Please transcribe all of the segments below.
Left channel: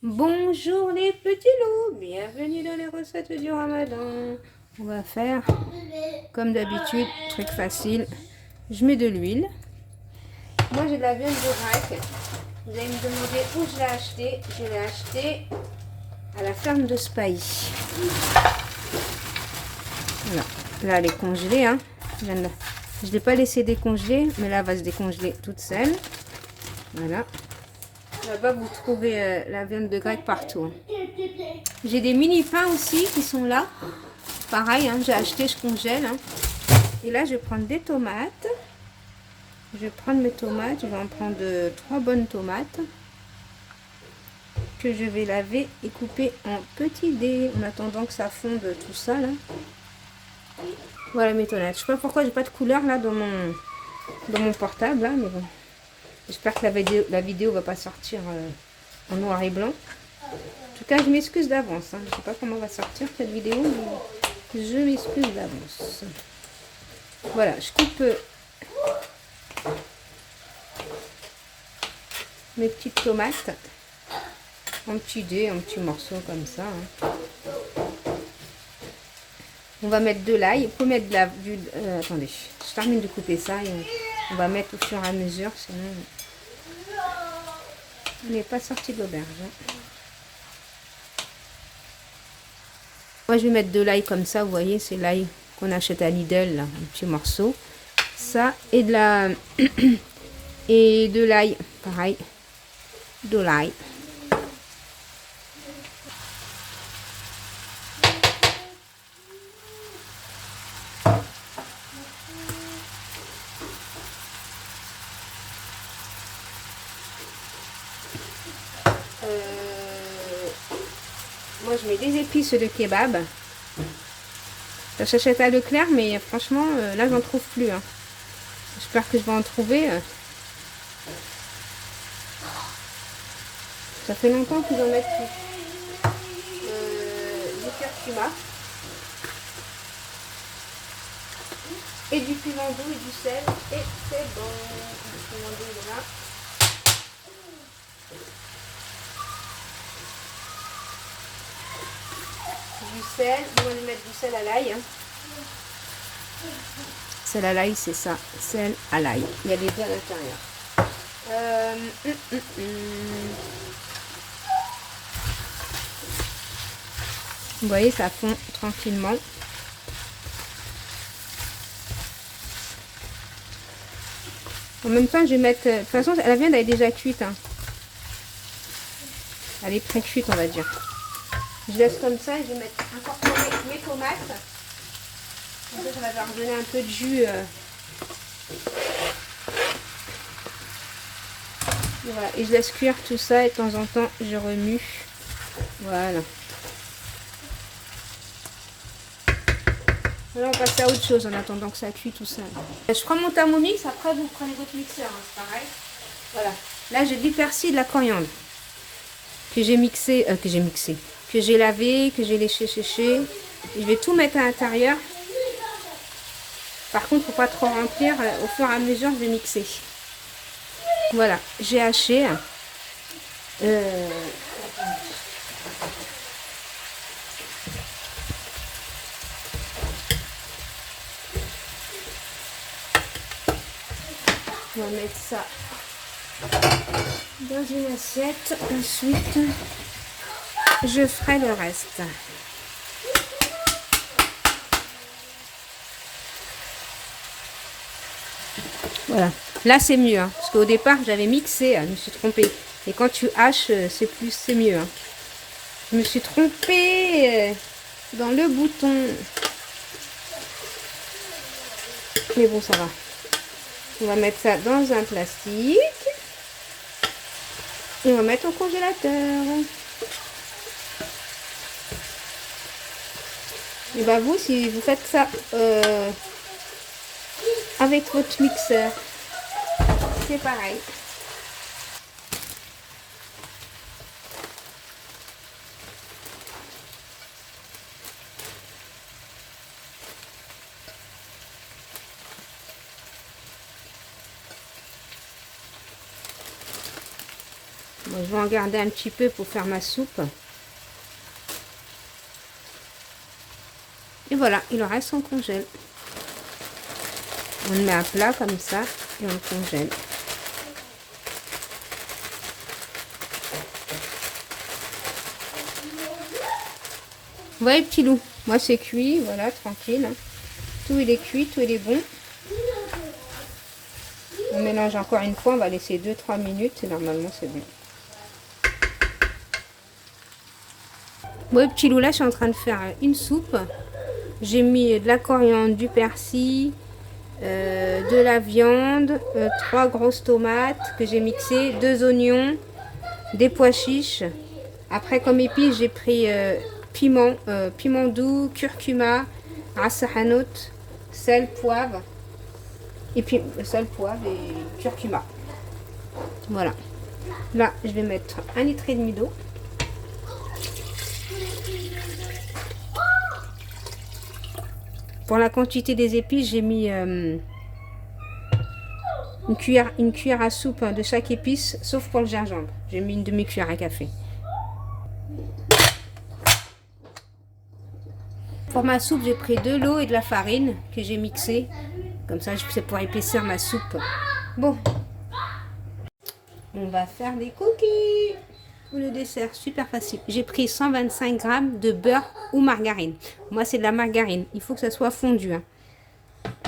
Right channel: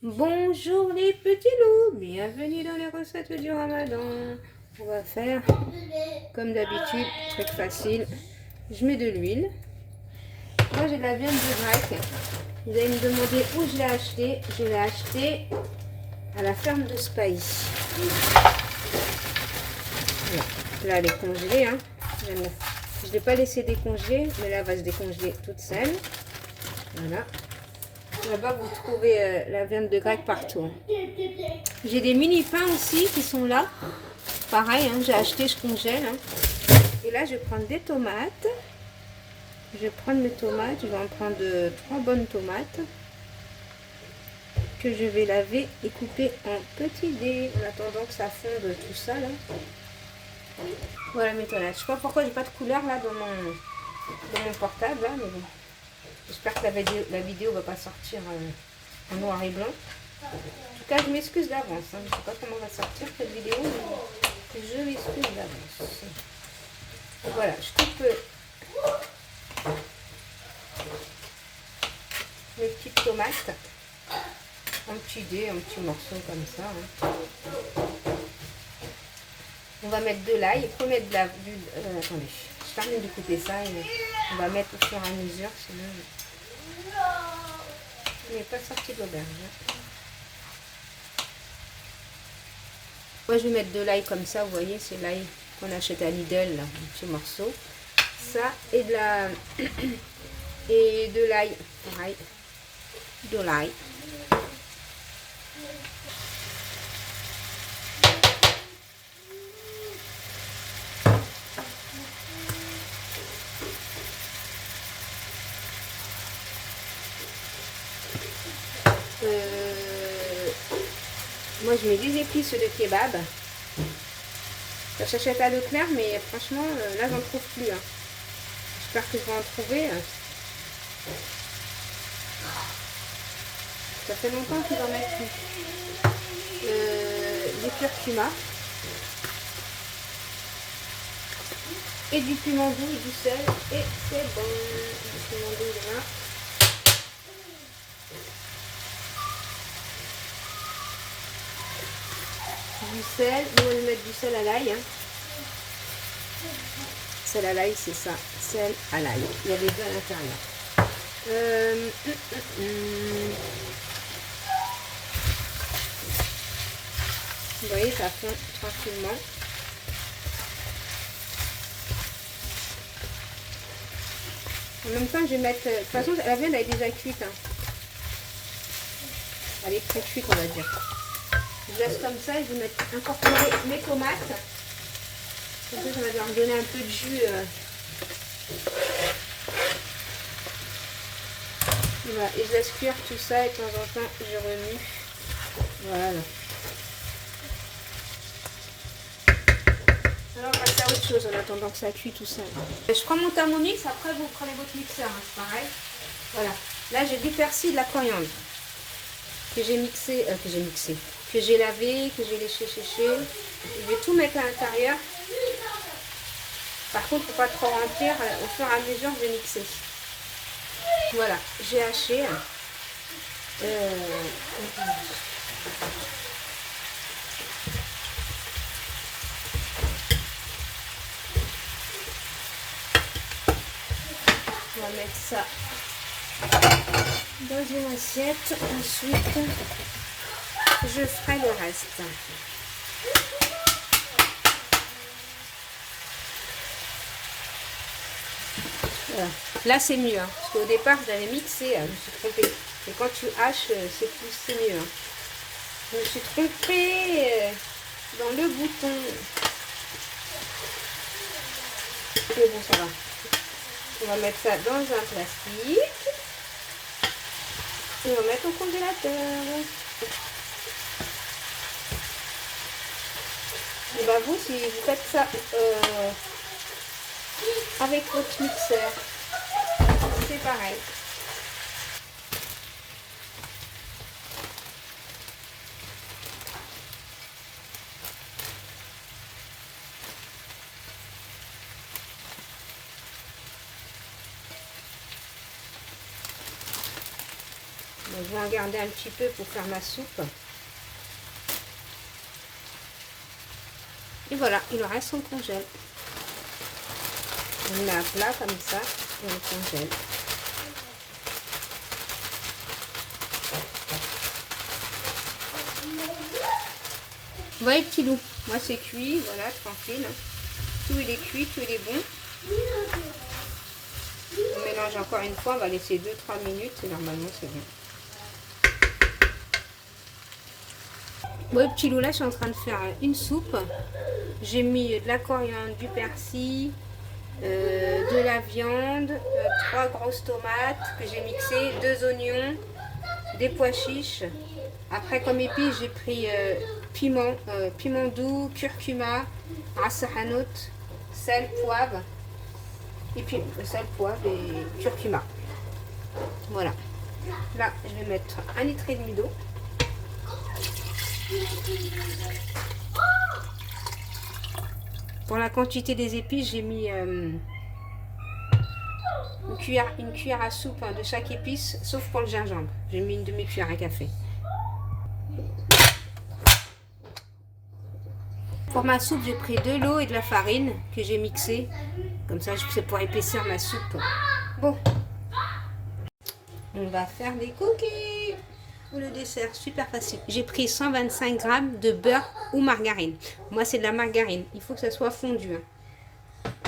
Bonjour les petits loups, bienvenue dans les recettes du Ramadan. On va faire comme d'habitude, truc facile. Je mets de l'huile. Moi j'ai de la viande de grec. Vous allez me demander où je l'ai acheté. Je l'ai acheté à la ferme de Spahi. Voilà. Là elle est congelée. Hein. Je ne l'ai pas laissé décongeler, mais là elle va se décongeler toute seule. Voilà. Là-bas, vous trouvez la viande de grec partout. Hein. J'ai des mini pains aussi qui sont là. Pareil, hein, j'ai acheté, je congèle. Hein. Et là, je vais prendre des tomates. Je vais prendre mes tomates. Je vais en prendre 3 bonnes tomates que je vais laver et couper en petits dés en attendant que ça fonde tout ça. Là. Voilà mes tomates. Je sais pas pourquoi j'ai pas de couleur là dans mon portable. Là, mais bon. J'espère que la vidéo va pas sortir en noir et blanc. En tout cas, je m'excuse d'avance. Hein. Je ne sais pas comment va sortir cette vidéo, mais je m'excuse d'avance. Voilà, je coupe mes petites tomates en petits dés, en petits morceaux comme ça. Hein. On va mettre de l'ail. Il faut mettre attendez, je termine de couper ça et on va mettre au fur et à mesure, sinon on n'est pas sorti de l'auberge. Hein. Moi, je vais mettre de l'ail comme ça, vous voyez, c'est l'ail qu'on achète à Lidl, là, un petit morceau. Ça, et de l'ail, pareil, de l'ail. Moi, je mets des épices de kebab. Ça s'achète à Leclerc, mais franchement, là, j'en trouve plus. Hein. J'espère que je vais en trouver. Ça fait longtemps qu'ils en mettent du curcuma. Et du piment doux et du sel. Et c'est bon. Le piment doux, il est là. Du sel. Moi, je vais mettre du sel à l'ail. Hein. Sel à l'ail, c'est ça. Sel à l'ail. Il y a des grains à l'intérieur. Vous voyez, ça fond tranquillement. En même temps, je vais mettre... De toute façon, la viande elle est déjà cuite. Hein. Elle est pré-cuite, on va dire. Je laisse comme ça et je vais mettre encore mes tomates. Comme ça, ça va leur donner un peu de jus. Voilà. Et je laisse cuire tout ça et de temps en temps, je remue. Voilà. Alors, on va passer à autre chose en attendant que ça cuit tout ça. Je prends mon thermomix, après vous prenez votre mixeur, hein, c'est pareil. Voilà. Là, j'ai du persil, de la coriandre que j'ai mixé, que j'ai lavé, que j'ai léché, séché. Je vais tout mettre à l'intérieur. Par contre, il ne faut pas trop remplir. Au fur et à mesure, je vais mixer. Voilà, j'ai haché. On va mettre ça dans une assiette. Ensuite, je ferai le reste. Voilà. Là, c'est mieux. Hein, parce qu'au départ, j'avais mixé. Je me suis trompée. Et quand tu haches, c'est mieux. Hein. Je me suis trompée dans le bouton. Mais bon, ça va. On va mettre ça dans un plastique. Et on va mettre au congélateur. Et bah vous, si vous faites ça avec votre mixeur, c'est pareil. Donc, je vais en garder un petit peu pour faire ma soupe. Et voilà, il en reste, on congèle. On le met à plat comme ça et on congèle. Vous voyez, petit loup, moi c'est cuit, voilà, tranquille. Tout il est cuit, tout il est bon. On mélange encore une fois, on va laisser 2-3 minutes et normalement c'est bon. Bon, petit loup, là je suis en train de faire une soupe. J'ai mis de la coriandre, du persil, de la viande, 3 grosses tomates que j'ai mixées, 2 oignons, des pois chiches. Après comme épices j'ai pris piment doux, curcuma, ras hanout, sel, poivre. Et puis sel, poivre et curcuma. Voilà. Là je vais mettre 1,5 litre d'eau. Pour la quantité des épices, j'ai mis une cuillère à soupe de chaque épice, sauf pour le gingembre. J'ai mis une demi-cuillère à café. Pour ma soupe, j'ai pris de l'eau et de la farine que j'ai mixée. Comme ça, c'est pour épaissir ma soupe. Bon, on va faire des cookies. Pour le dessert, super facile. J'ai pris 125 g de beurre ou margarine. Moi, c'est de la margarine. Il faut que ça soit fondu. Hein.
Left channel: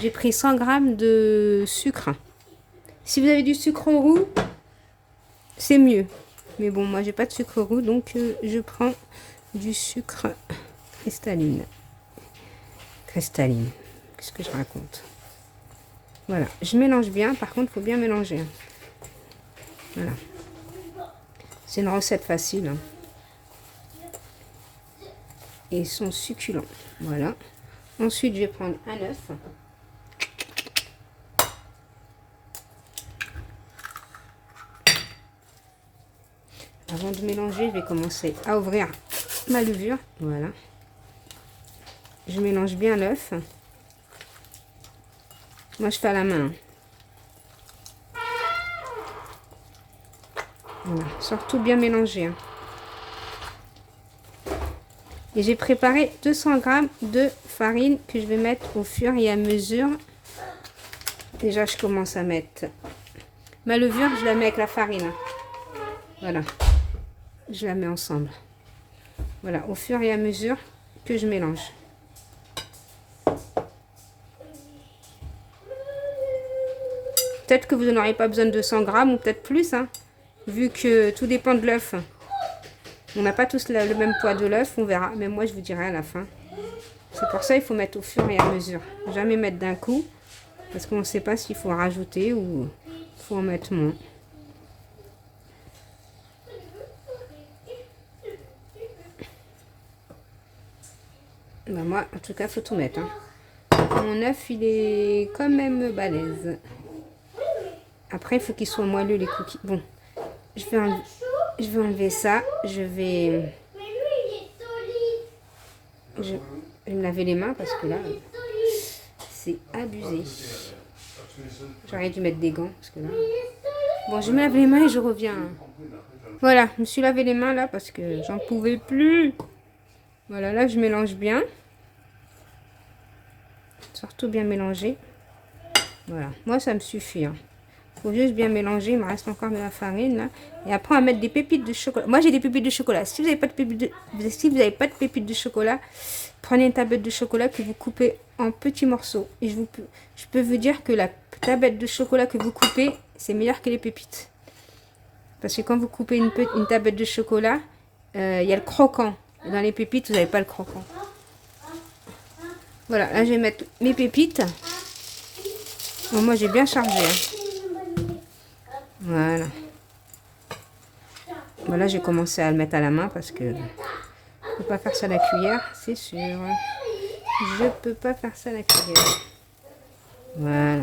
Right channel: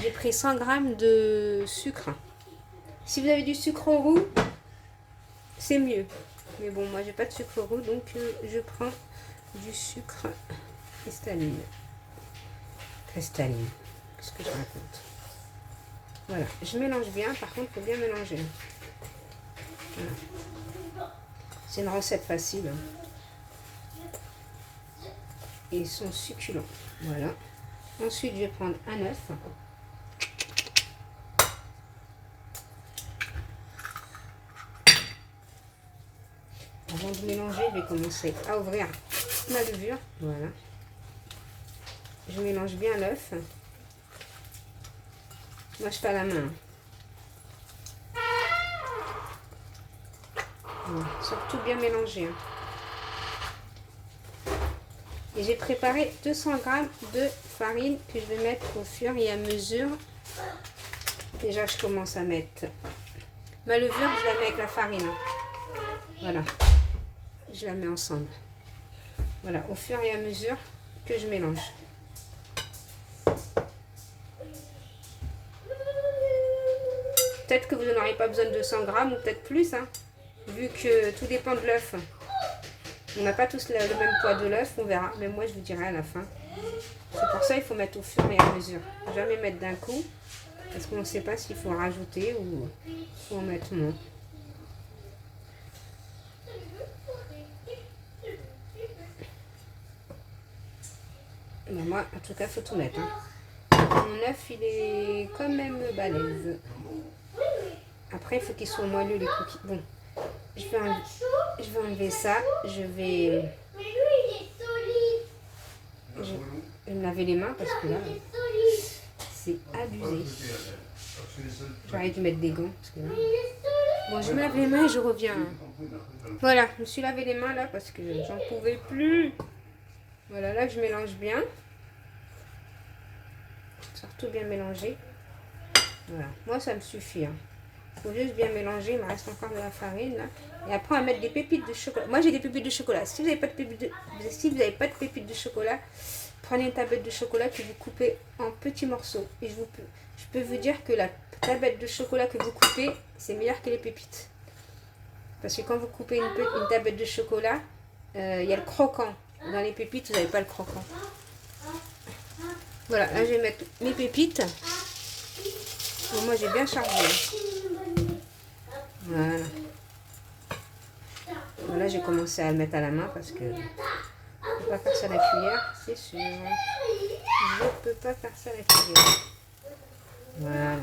J'ai pris 100 g de sucre. Si vous avez du sucre roux, c'est mieux. Mais bon, moi, j'ai pas de sucre roux, donc je prends du sucre cristalline. Cristalline. Qu'est-ce que je raconte? Voilà. Je mélange bien. Par contre, il faut bien mélanger. Voilà. C'est une recette facile. Hein. Et ils sont succulents. Voilà. Ensuite, je vais prendre un œuf. Avant de mélanger, je vais commencer à ouvrir ma levure. Voilà. Je mélange bien l'œuf. Moi, je fais à la main. Voilà. Surtout bien mélanger. Hein. Et j'ai préparé 200 g de farine que je vais mettre au fur et à mesure. Déjà, je commence à mettre ma levure, je la mets avec la farine. Hein. Voilà. Je la mets ensemble. Voilà, au fur et à mesure que je mélange. Peut-être que vous n'en aurez pas besoin de 200 g ou peut-être plus, hein, vu que tout dépend de l'œuf. On n'a pas tous le même poids de l'œuf, on verra. Mais moi, je vous dirai à la fin. C'est pour ça qu'il faut mettre au fur et à mesure. Jamais mettre d'un coup, parce qu'on ne sait pas s'il faut rajouter ou il faut en mettre moins. Ben moi, en tout cas, il faut tout mettre. Hein. Mon œuf, il est quand même balèze. Après, il faut qu'il soit moelleux, les cookies. Bon, je vais enlever ça. Je vais me laver les mains parce que là, c'est abusé. J'aurais dû mettre des gants. Parce que là... Bon, je me lave les mains et je reviens. Voilà, je me suis lavé les mains là parce que j'en pouvais plus. Voilà, là, je mélange bien. Surtout bien mélanger. Voilà, moi, ça me suffit. Hein. Faut juste bien mélanger. Il me reste encore de la farine là. Et après on va mettre des pépites de chocolat. Moi j'ai des pépites de chocolat. Si vous n'avez pas de pépites de chocolat, prenez une tablette de chocolat que vous coupez en petits morceaux. Et je peux vous dire que la tablette de chocolat que vous coupez, c'est meilleur que les pépites. Parce que quand vous coupez une tablette de chocolat, il y a le croquant. Dans les pépites, vous n'avez pas le croquant. Voilà, là je vais mettre mes pépites. Bon, moi j'ai bien chargé. Hein. Voilà. Voilà, j'ai commencé à le mettre à la main parce que je ne peux pas faire ça à la cuillère, c'est sûr. Je ne peux pas faire ça à la cuillère. Voilà.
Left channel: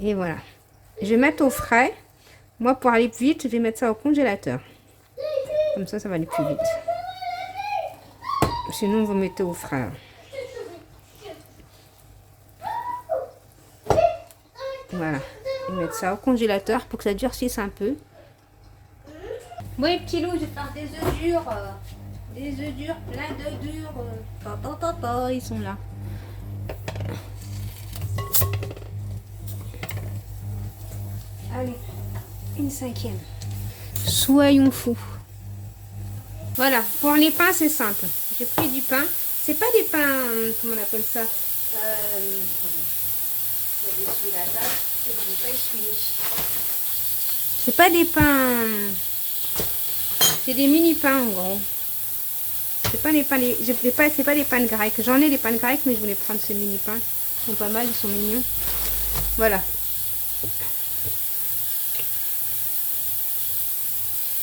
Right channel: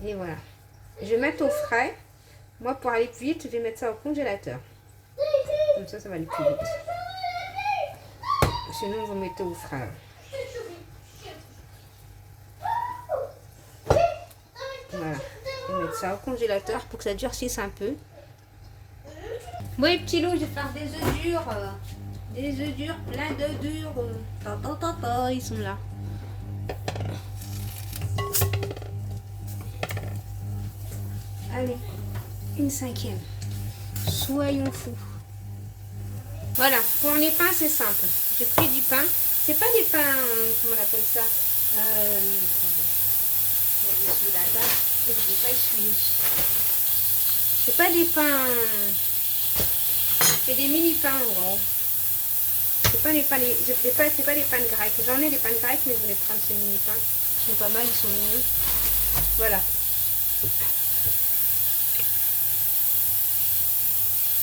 Et voilà. Je vais mettre au frais. Moi, pour aller plus vite, je vais mettre ça au congélateur. Comme ça, ça va aller plus vite. Sinon, vous mettez au frais. Voilà. Je vais mettre ça au congélateur pour que ça durcisse un peu. Bon, les petits loups, je vais faire des œufs durs. Des œufs durs, plein d'œufs durs. Ils sont là. Allez, une cinquième. Soyons fous. Voilà, pour les pains, c'est simple. J'ai pris du pain. C'est pas des pains, comment on appelle ça, sous la table, et je vais pas essuyer. C'est pas des pains, c'est des mini pains en gros. C'est pas des pains, c'est pas des pains grecs. J'en ai des pains grecs, mais je voulais prendre ces mini pains. Ils sont pas mal, ils sont mignons. Voilà.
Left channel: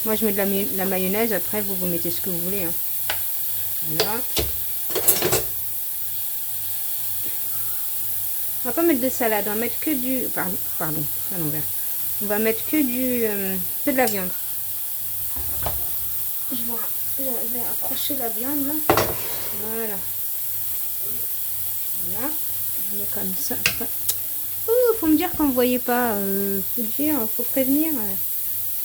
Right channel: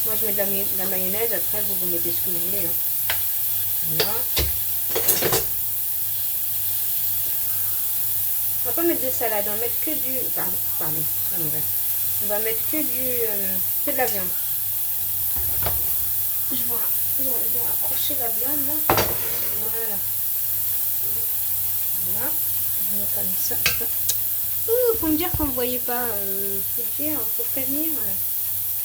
Moi je mets de la mayonnaise, après vous mettez ce que vous voulez. Hein. Voilà. On va pas mettre de salade, on va mettre que du... Pardon, à l'envers. On va mettre que de la viande. Je vais approcher la viande là. Voilà. Voilà. On est comme ça. Oh, faut me dire qu'on ne voyait pas. Faut dire, faut prévenir.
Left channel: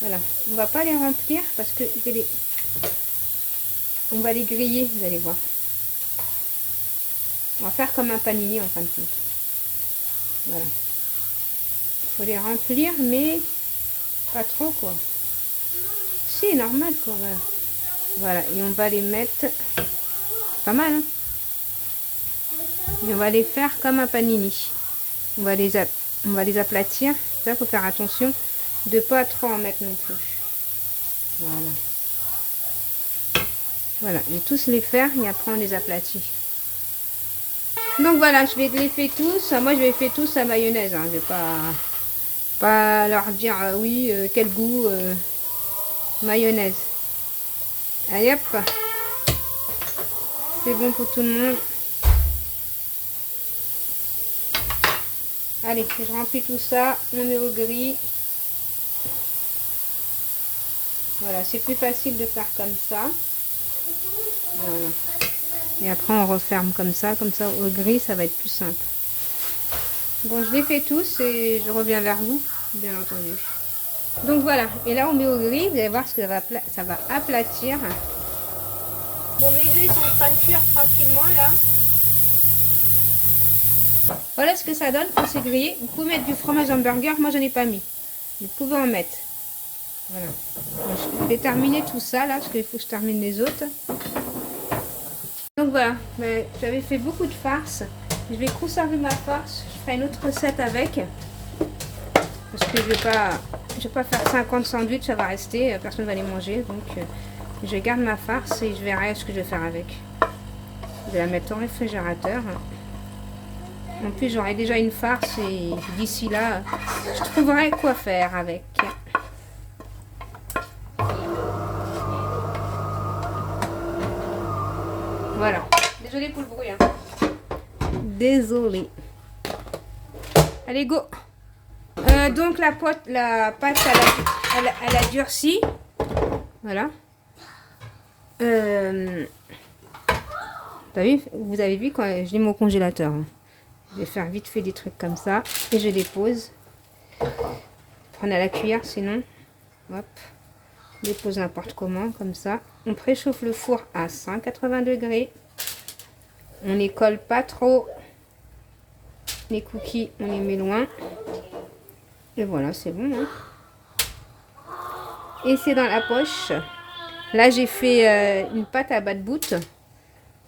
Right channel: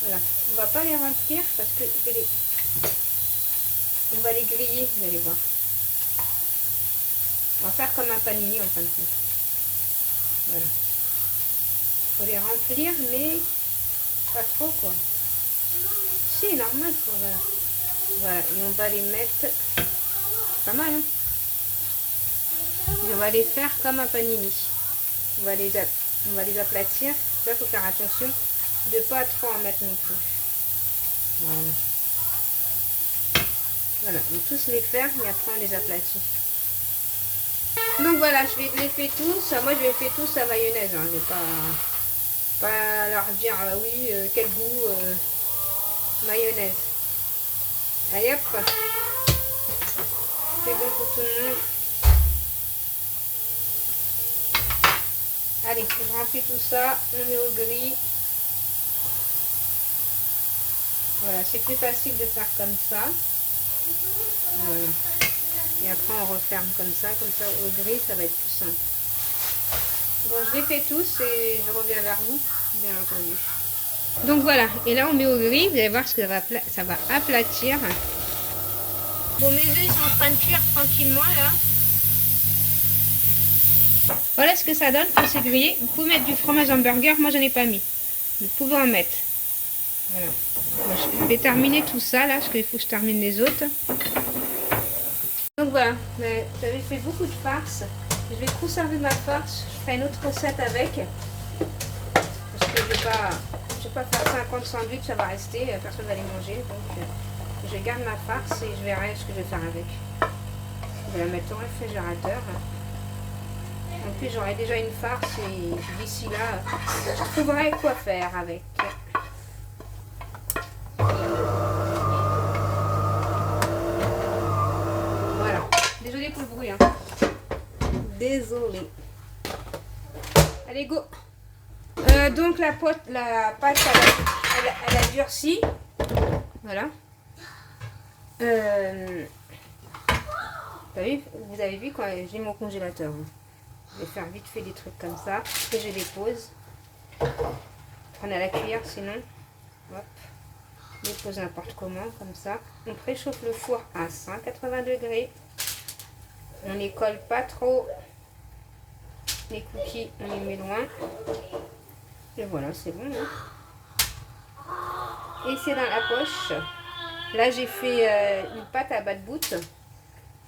Voilà. On va pas les remplir parce que on va les griller, vous allez voir. On va faire comme un panini en fin de compte. Voilà. Il faut les remplir, mais pas trop quoi. Si, normal quoi. Voilà. Voilà. Et on va les mettre. Pas mal, hein. On va les faire comme un panini. On va les aplatir. Ça, il faut faire attention de pas trop en mettre non plus. Voilà. Voilà. Et tous les faire et après on les aplatit. Donc voilà, je vais les faire tous. Moi, je vais faire tous à mayonnaise. Hein. Je vais pas leur dire oui, quel goût mayonnaise. Allez hop. C'est bon pour tout le monde. Allez, je remplis tout ça. On met au gris. Voilà, c'est plus facile de faire comme ça. Voilà. Et après, on referme comme ça au gris, ça va être plus simple. Bon, je les fais tous et je reviens vers vous, bien entendu. Donc voilà, et là on met au gris, vous allez voir ce que ça va aplatir. Bon, mes œufs ils sont en train de cuire tranquillement là. Voilà ce que ça donne quand c'est grillé. Vous pouvez mettre du fromage hamburger, moi j'en ai pas mis. Vous pouvez en mettre. Voilà. Bon, je vais terminer tout ça là, parce qu'il faut que je termine les autres. Donc voilà, j'avais fait beaucoup de farce. Je vais conserver ma farce. Je ferai une autre recette avec. Parce que je vais pas faire 50 sandwichs, ça va rester. Personne ne va les manger. Donc je garde ma farce et je verrai ce que je vais faire avec. Je vais la mettre au réfrigérateur. En plus, j'aurai déjà une farce et d'ici là, je trouverai quoi faire avec. Voilà. Désolée pour le bruit. Hein. Désolée. Allez, go. Donc la pâte elle a durci. Voilà. Vous avez vu quand je l'ai mis au congélateur. Hein. Je vais faire vite fait des trucs comme ça. Et je dépose. On a la cuillère sinon. Hop. Je dépose n'importe comment, comme ça. On préchauffe le four à 180 degrés. On ne les colle pas trop. Les cookies, on les met loin. Et voilà, c'est bon. Hein. Et c'est dans la poche. Là, j'ai fait une pâte à bat-bout.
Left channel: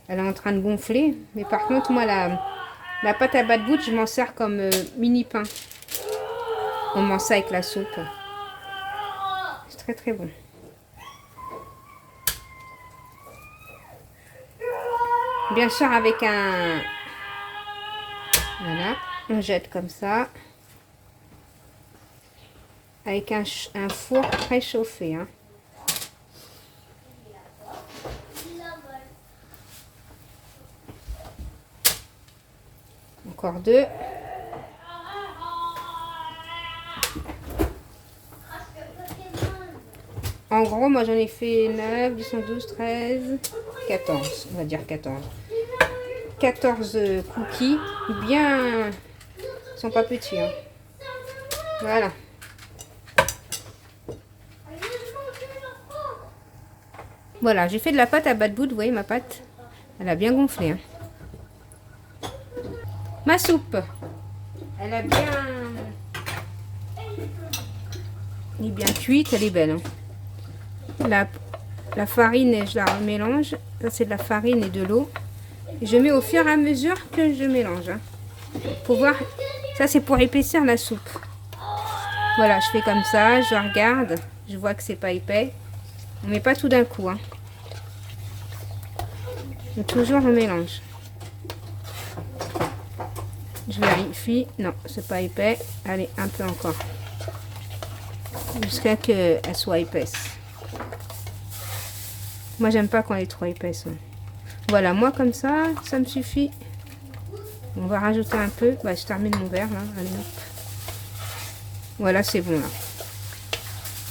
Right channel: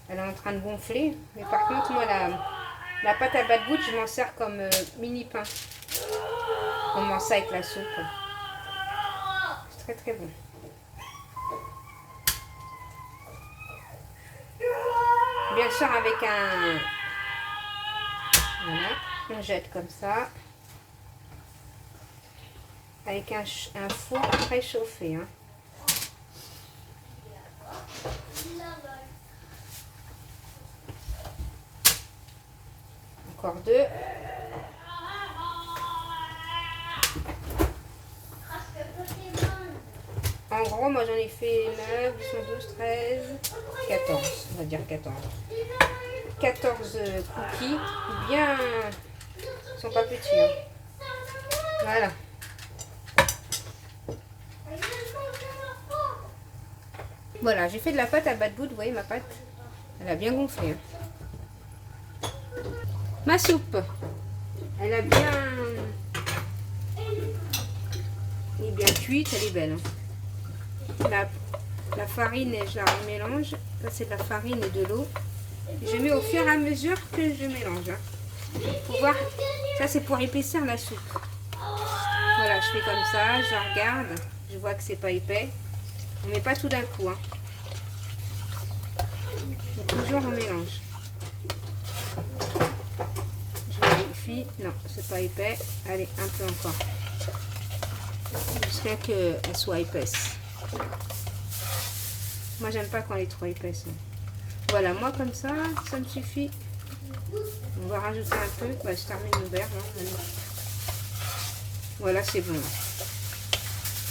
Elle est en train de gonfler. Mais par contre, moi, la pâte à bat-bout, je m'en sers comme mini pain. On mange ça avec la soupe. C'est très très bon. Bien sûr, avec un... Voilà, on jette comme ça. Avec un four préchauffé. Hein. Encore deux. En gros, moi j'en ai fait 9, 10, 12, 13, 14. On va dire 14. 14 cookies. Bien... Ils sont pas petits. Hein. Voilà. Voilà, j'ai fait de la pâte à bas de bout, vous voyez ma pâte. Elle a bien gonflé. Hein. Ma soupe, elle a bien... Elle est bien cuite, elle est belle. Hein. La farine, je la mélange. Ça, c'est de la farine et de l'eau. Je mets au fur et à mesure que je mélange. Hein. Pour voir, ça c'est pour épaissir la soupe. Voilà, je fais comme ça, je regarde, je vois que c'est pas épais. On met pas tout d'un coup. Hein. Et toujours on mélange. Je vérifie. Non, c'est pas épais. Allez, un peu encore. Jusqu'à qu'elle soit épaisse. Moi, j'aime pas quand elle est trop épaisse. Hein. Voilà, moi comme ça me suffit. On va rajouter un peu. Bah, je termine mon verre. Hein. Voilà, c'est bon là.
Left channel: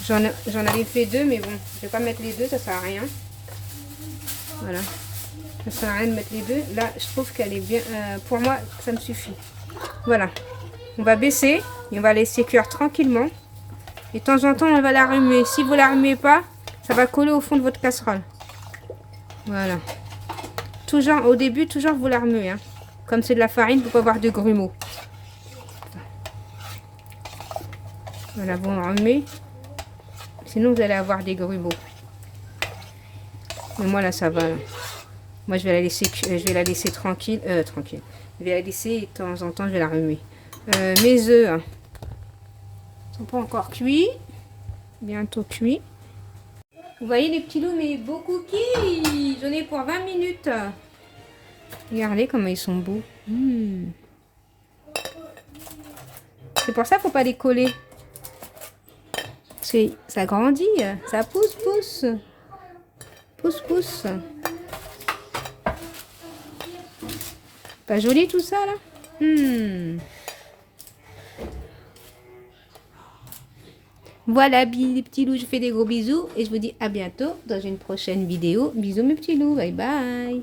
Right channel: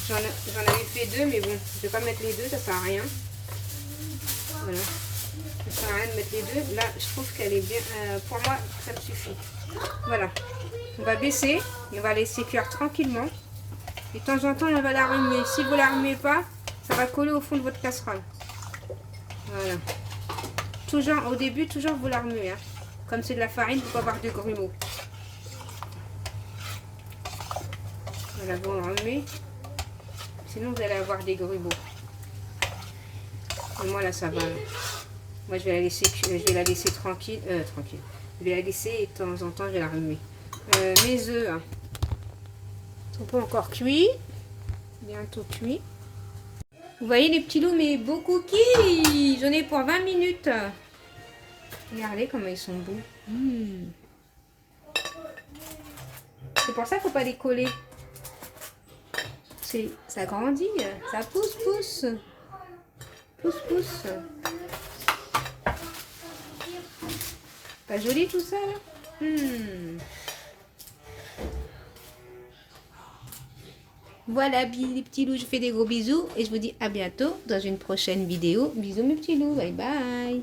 J'en avais fait deux, mais bon, je vais pas mettre les deux, ça sert à rien. Voilà. Ça sert à rien de mettre les deux. Là, je trouve qu'elle est bien. Pour moi, ça me suffit. Voilà. On va baisser et on va laisser cuire tranquillement. Et de temps en temps, on va la remuer. Si vous la remuez pas, ça va coller au fond de votre casserole. Voilà. Toujours, au début, toujours vous la remuez. Hein. Comme c'est de la farine, il faut pas avoir de grumeaux. Voilà, vous la remuez. Sinon, vous allez avoir des grumeaux. Et moi, là, ça va. Là. Moi, je vais la laisser tranquille. Tranquille. Je vais la laisser et de temps en temps, je vais la remuer. Mes œufs hein, sont pas encore cuits. Bientôt cuits. Vous voyez les petits loups, mes beaux cookies. J'en ai pour 20 minutes. Regardez comment ils sont beaux. Mmh. C'est pour ça qu'il ne faut pas les coller. Ça grandit, ça pousse, pousse. Pousse, pousse. Pas joli tout ça là mmh. Voilà les petits loups, je fais des gros bisous et je vous dis à bientôt dans une prochaine vidéo. Bisous mes petits loups, bye bye.